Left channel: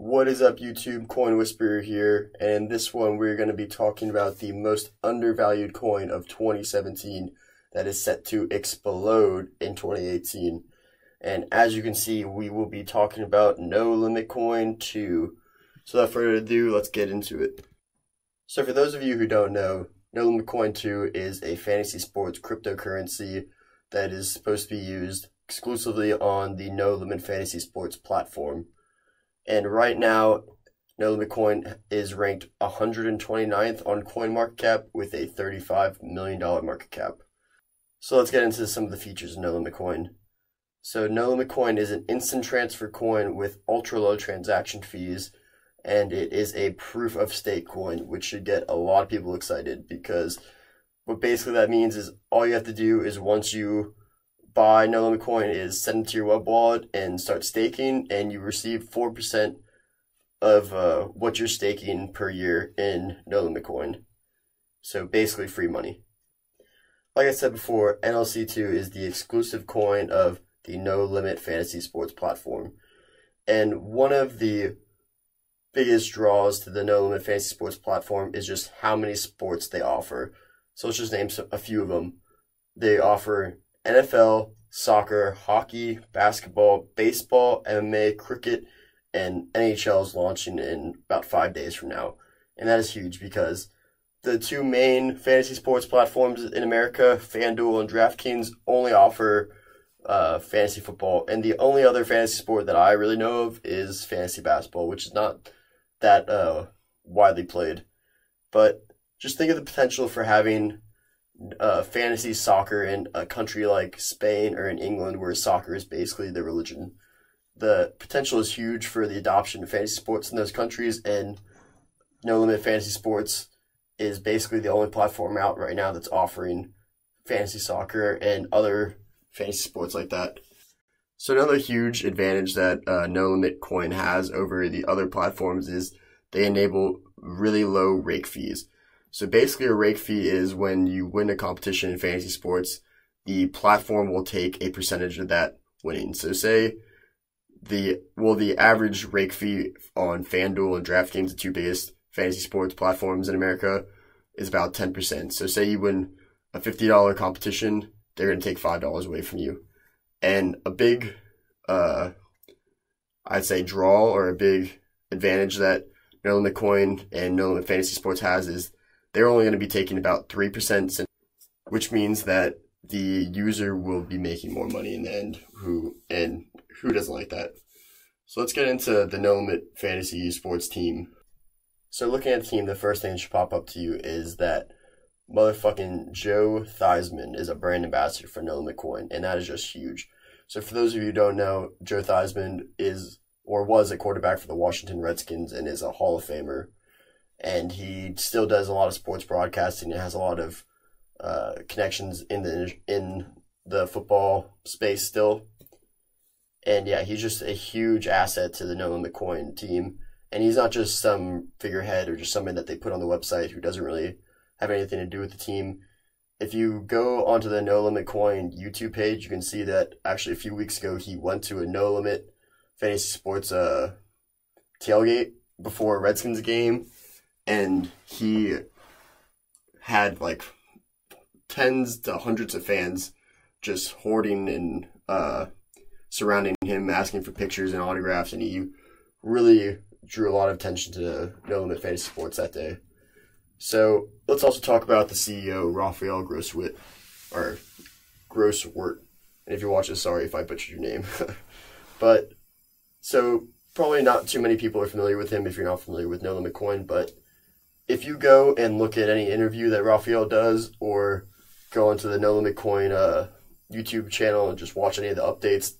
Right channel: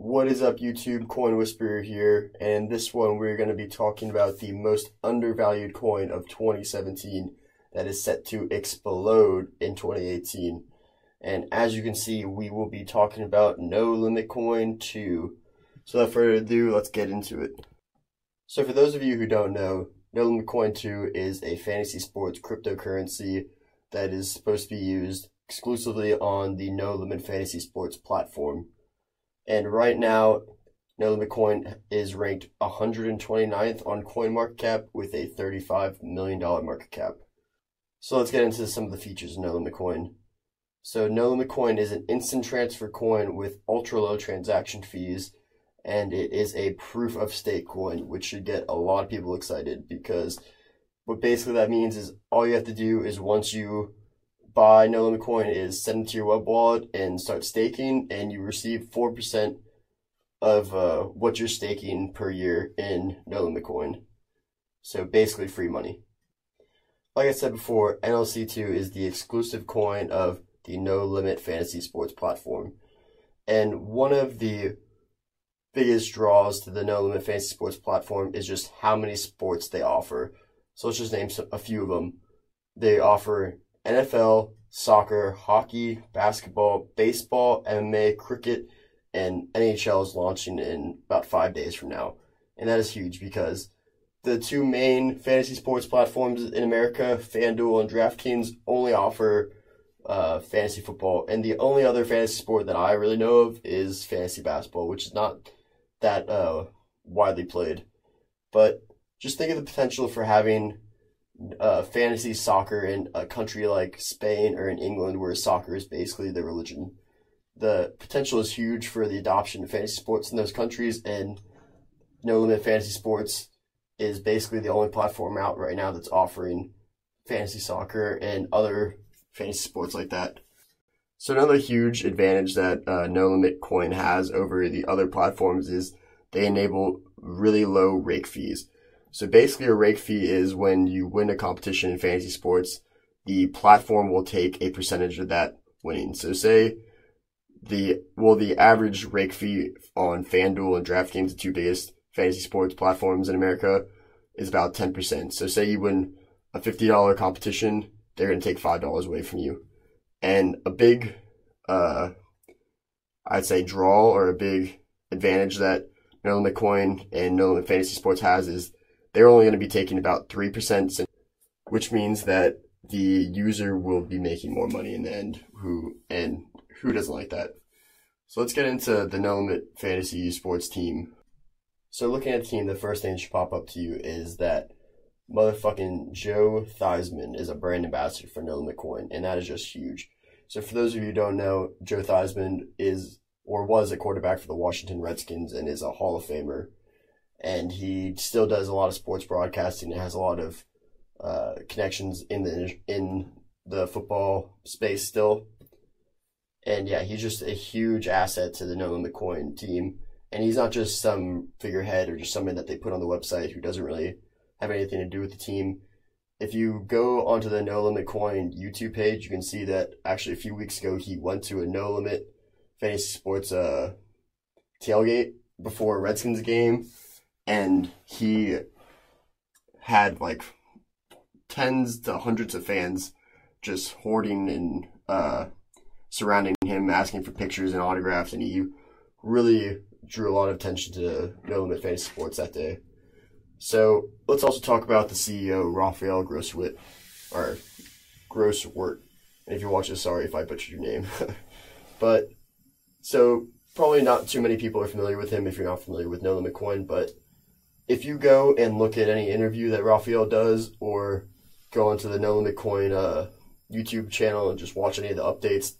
What is up, YouTube? Coin Whisperer here, and in this one we're going to be talking about the most undervalued coin of 2017 that is set to explode in 2018. And as you can see, we will be talking about No Limit Coin 2. So without further ado, let's get into it. So for those of you who don't know, No Limit Coin 2 is a fantasy sports cryptocurrency that is supposed to be used exclusively on the No Limit Fantasy Sports platform. And right now, No Limit Coin is ranked 129th on CoinMarketCap with a $35 million market cap. So let's get into some of the features of No Limit Coin. So No Limit Coin is an instant transfer coin with ultra low transaction fees, and it is a proof of stake coin, which should get a lot of people excited, because what basically that means is all you have to do is once you buy No Limit Coin is send it to your web wallet and start staking, and you receive 4% of what you're staking per year in No Limit Coin. So basically free money. Like I said before, NLC2 is the exclusive coin of the No Limit Fantasy Sports platform. And one of the biggest draws to the No Limit Fantasy Sports platform is just how many sports they offer. So let's just name a few of them. They offer NFL, soccer, hockey, basketball, baseball, MMA, cricket, and NHL is launching in about 5 days from now. And that is huge because the two main fantasy sports platforms in America, FanDuel and DraftKings, only offer fantasy football. And the only other fantasy sport that I really know of is fantasy basketball, which is not that widely played. But just think of the potential for having fantasy soccer in a country like Spain or in England, where soccer is basically the religion. The potential is huge for the adoption of fantasy sports in those countries, and No Limit Fantasy Sports is basically the only platform out right now that's offering fantasy soccer and other fantasy sports like that. So another huge advantage that No Limit Coin has over the other platforms is they enable really low rake fees. So basically a rake fee is when you win a competition in fantasy sports, the platform will take a percentage of that winning. So say the average rake fee on FanDuel and DraftKings, the two biggest fantasy sports platforms in America, is about 10%. So say you win a $50 competition, they're going to take $5 away from you. And a big, I'd say, draw or a big advantage that No Limit Coin and No Limit Fantasy Sports has is they're only going to be taking about 3%, which means that the user will be making more money in the end. Who doesn't like that? So let's get into the No Limit Fantasy Sports team. So looking at the team, the first thing that should pop up to you is that motherfucking Joe Theismann is a brand ambassador for No Limit Coin, and that is just huge. So for those of you who don't know, Joe Theismann is or was a quarterback for the Washington Redskins and is a Hall of Famer. And he still does a lot of sports broadcasting and has a lot of connections in the football space still. And yeah, he's just a huge asset to the No Limit Coin team. And he's not just some figurehead or just somebody that they put on the website who doesn't really have anything to do with the team. If you go onto the No Limit Coin YouTube page, you can see that actually a few weeks ago he went to a No Limit Fantasy Sports tailgate before a Redskins game. And he had like tens to hundreds of fans just hoarding and surrounding him, asking for pictures and autographs, and he really drew a lot of attention to No Limit Fantasy Sports that day. So let's also talk about the CEO, Raphael Grosswit. And if you're watching, sorry if I butchered your name. But so probably not too many people are familiar with him if you're not familiar with No Limit Coin, but if you go and look at any interview that Raphael does, or go onto the No Limit Coin YouTube channel and just watch any of the updates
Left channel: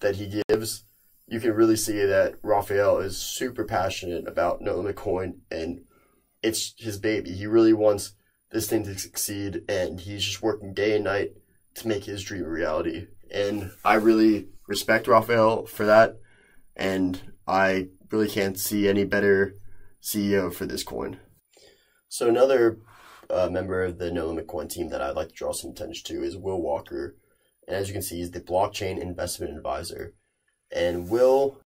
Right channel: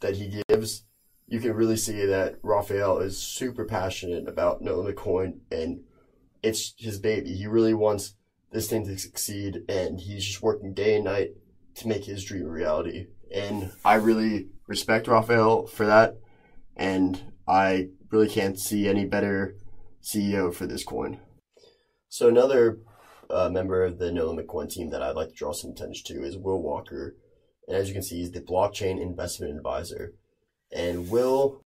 that he gives, you can really see that Raphael is super passionate about No Limit Coin, and it's his baby. He really wants this thing to succeed, and he's just working day and night to make his dream a reality. And I really respect Raphael for that, and I really can't see any better CEO for this coin. So another member of the No Limit Coin team that I'd like to draw some attention to is Will Walker. And as you can see, he's the blockchain investment advisor. And Will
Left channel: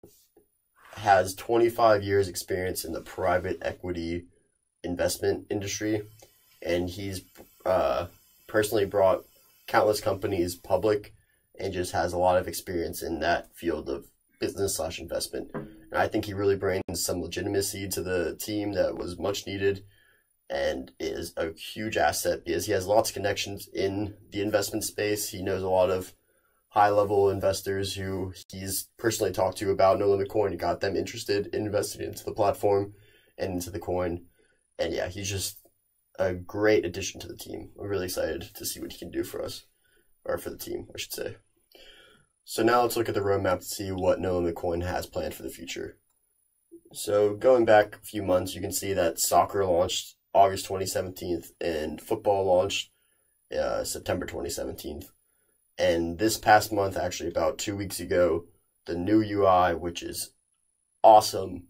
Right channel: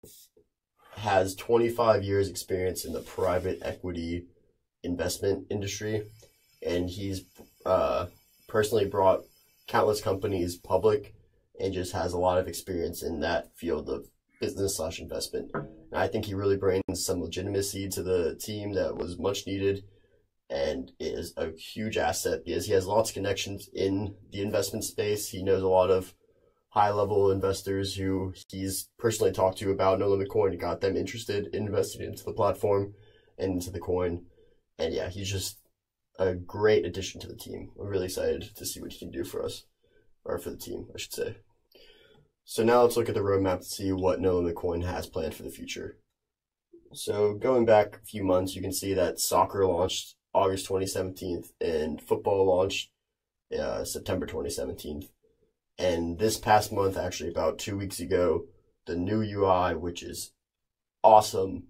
has 25 years experience in the private equity investment industry, and he's personally brought countless companies public and just has a lot of experience in that field of business/investment. And I think he really brings some legitimacy to the team that was much needed and is a huge asset because he has lots of connections in the investment space. He knows a lot of high-level investors who he's personally talked to about No Limit Coin and got them interested in investing into the platform and into the coin. And yeah, he's just a great addition to the team. I'm really excited to see what he can do for us, or for the team, I should say. So now let's look at the roadmap to see what No Limit Coin has planned for the future. So going back a few months, you can see that soccer launched August 2017 and football launched September 2017. And this past month, actually about 2 weeks ago, the new UI, which is awesome,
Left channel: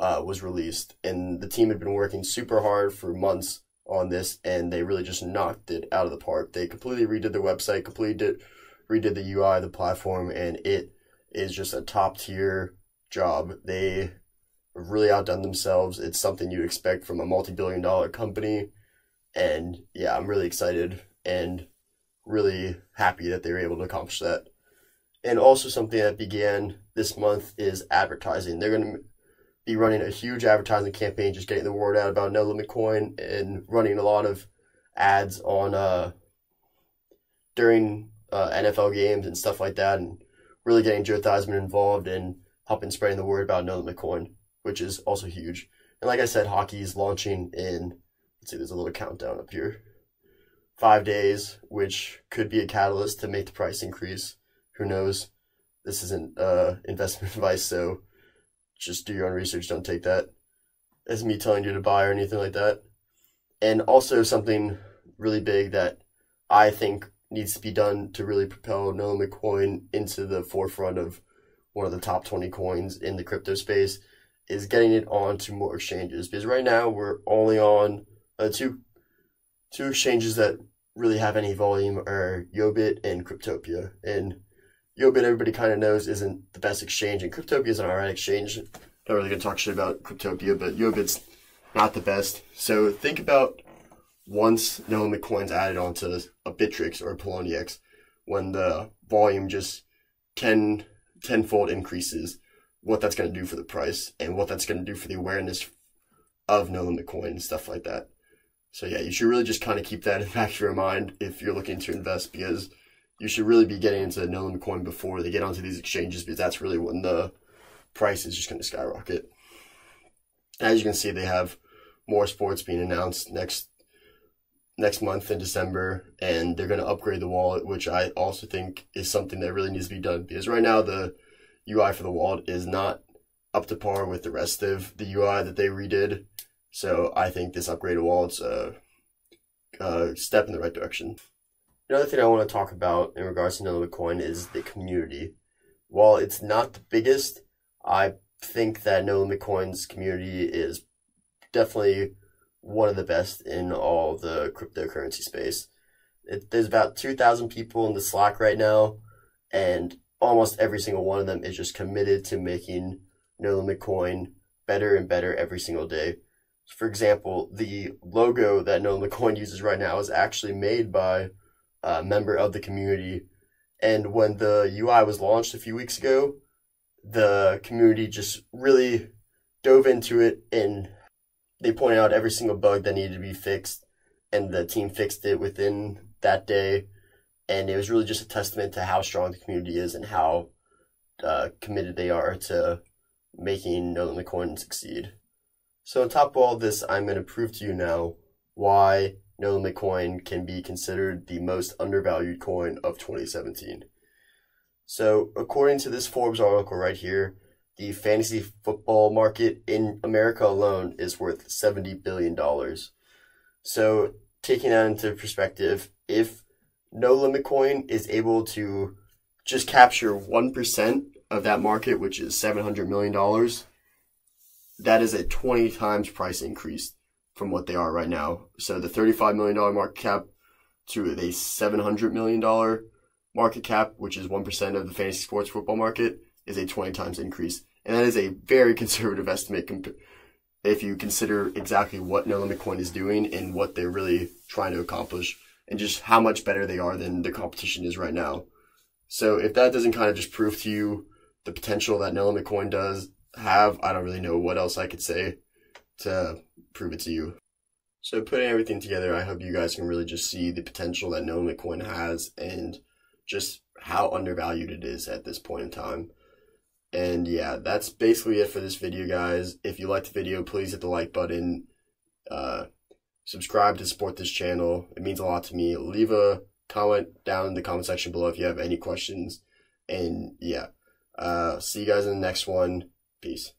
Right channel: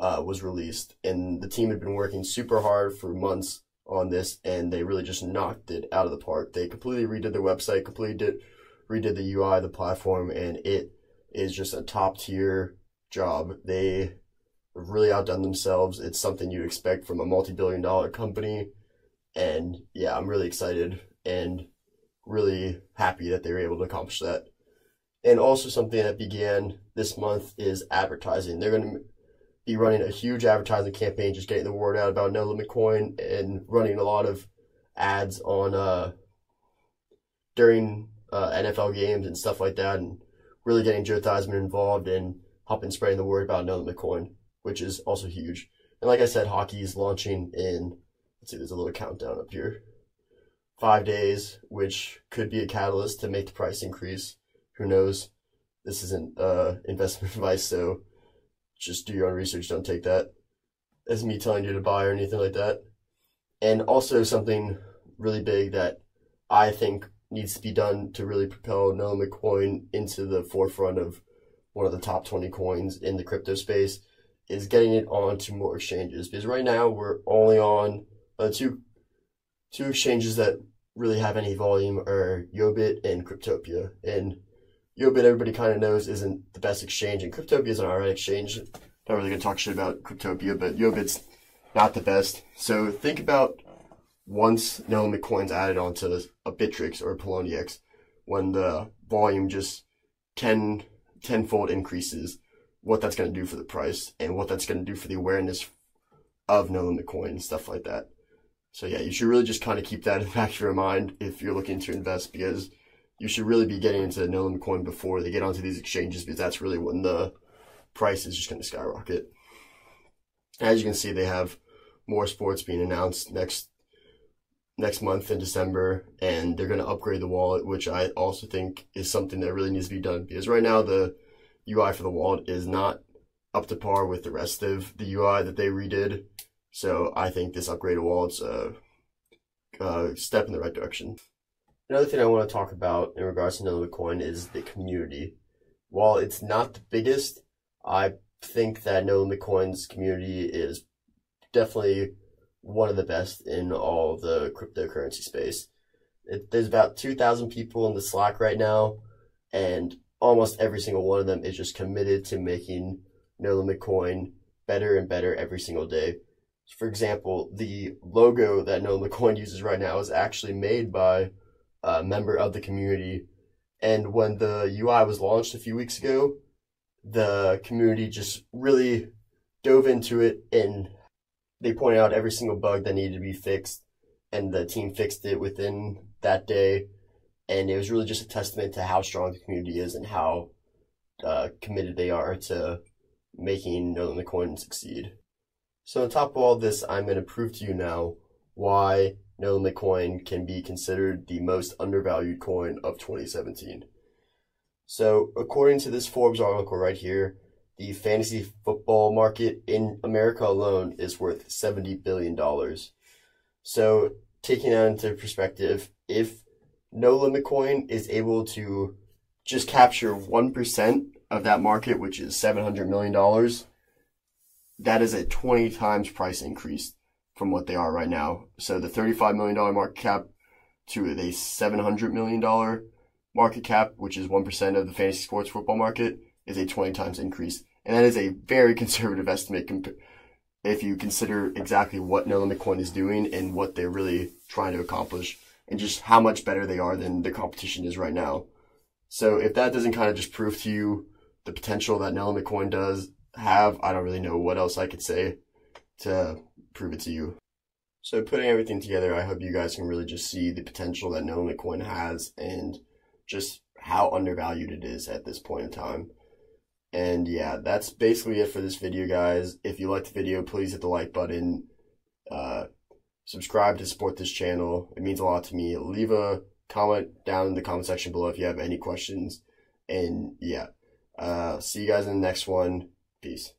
was released. And the team had been working super hard for months on this, and they really just knocked it out of the park. They completely redid their website, redid the UI, the platform, and it is just a top-tier job. They have really outdone themselves. It's something you'd expect from a multi-billion-dollar company. And yeah, I'm really excited and really happy that they were able to accomplish that. And also something that began this month is advertising. They're going to be running a huge advertising campaign, just getting the word out about No Limit Coin and running a lot of ads on during NFL games and stuff like that, and really getting Joe Theismann involved and helping spreading the word about No Limit Coin, which is also huge. And like I said, hockey is launching in, let's see, there's a little countdown up here, 5 days, which could be a catalyst to make the price increase. Who knows? This isn't investment advice, so just do your own research. Don't take that as me telling you to buy or anything like that. And also something really big that I think needs to be done to really propel No Limit Coin into the forefront of one of the top 20 coins in the crypto space is getting it onto more exchanges. Because right now we're only on two exchanges that really have any volume are Yobit and Cryptopia. And Yobit, everybody kind of knows, isn't the best exchange, and Cryptopia is an alright exchange. Not really going to talk shit about Cryptopia, but Yobit's not the best. So think about once No Limit Coin's added onto a Bittrex or a Poloniex, when the volume just tenfold increases, what that's going to do for the price and what that's going to do for the awareness of No Limit Coin and stuff like that. So yeah, you should really just kind of keep that in the back of your mind if you're looking to invest, because you should really be getting into No Limit Coin before they get onto these exchanges, because that's really when the price is just going to skyrocket. As you can see, they have more sports being announced next month in December, and they're going to upgrade the wallet, which I also think is something that really needs to be done, because right now the UI for the wallet is not up to par with the rest of the UI that they redid. So I think this upgraded wallet's a step in the right direction. Another thing I want to talk about in regards to No Limit Coin is the community. While it's not the biggest, I think that No Limit Coin's community is definitely one of the best in all the cryptocurrency space. There's about 2,000 people in the Slack right now, and almost every single one of them is just committed to making No Limit Coin better and better every single day. For example, the logo that No Limit Coin uses right now is actually made by a member of the community. And when the UI was launched a few weeks ago, the community just really dove into it, and they pointed out every single bug that needed to be fixed, and the team fixed it within that day. And it was really just a testament to how strong the community is and how committed they are to making No Limit Coin succeed. So on top of all this, I'm going to prove to you now why No Limit Coin can be considered the most undervalued coin of 2017. So according to this Forbes article right here, the fantasy football market in America alone is worth $70 billion. So taking that into perspective, if No Limit Coin is able to just capture 1% of that market, which is $700 million, that is a 20 times price increase from what they are right now. So the $35 million market cap to a $700 million market cap, which is 1% of the fantasy sports football market, is a 20 times increase. And that is a very conservative estimate if you consider exactly what No Limit Coin is doing and what they're really trying to accomplish, and just how much better they are than the competition is right now. So if that doesn't kind of just prove to you the potential that No Limit Coin does have, I don't really know what else I could say to prove it to you. So putting everything together, I hope you guys can really just see the potential that No Limit Coin has and just how undervalued it is at this point in time. And yeah, that's basically it for this video, guys. If you liked the video, please hit the like button. Subscribe to support this channel. It means a lot to me. Leave a comment down in the comment section below if you have any questions. And yeah, see you guys in the next one. Peace.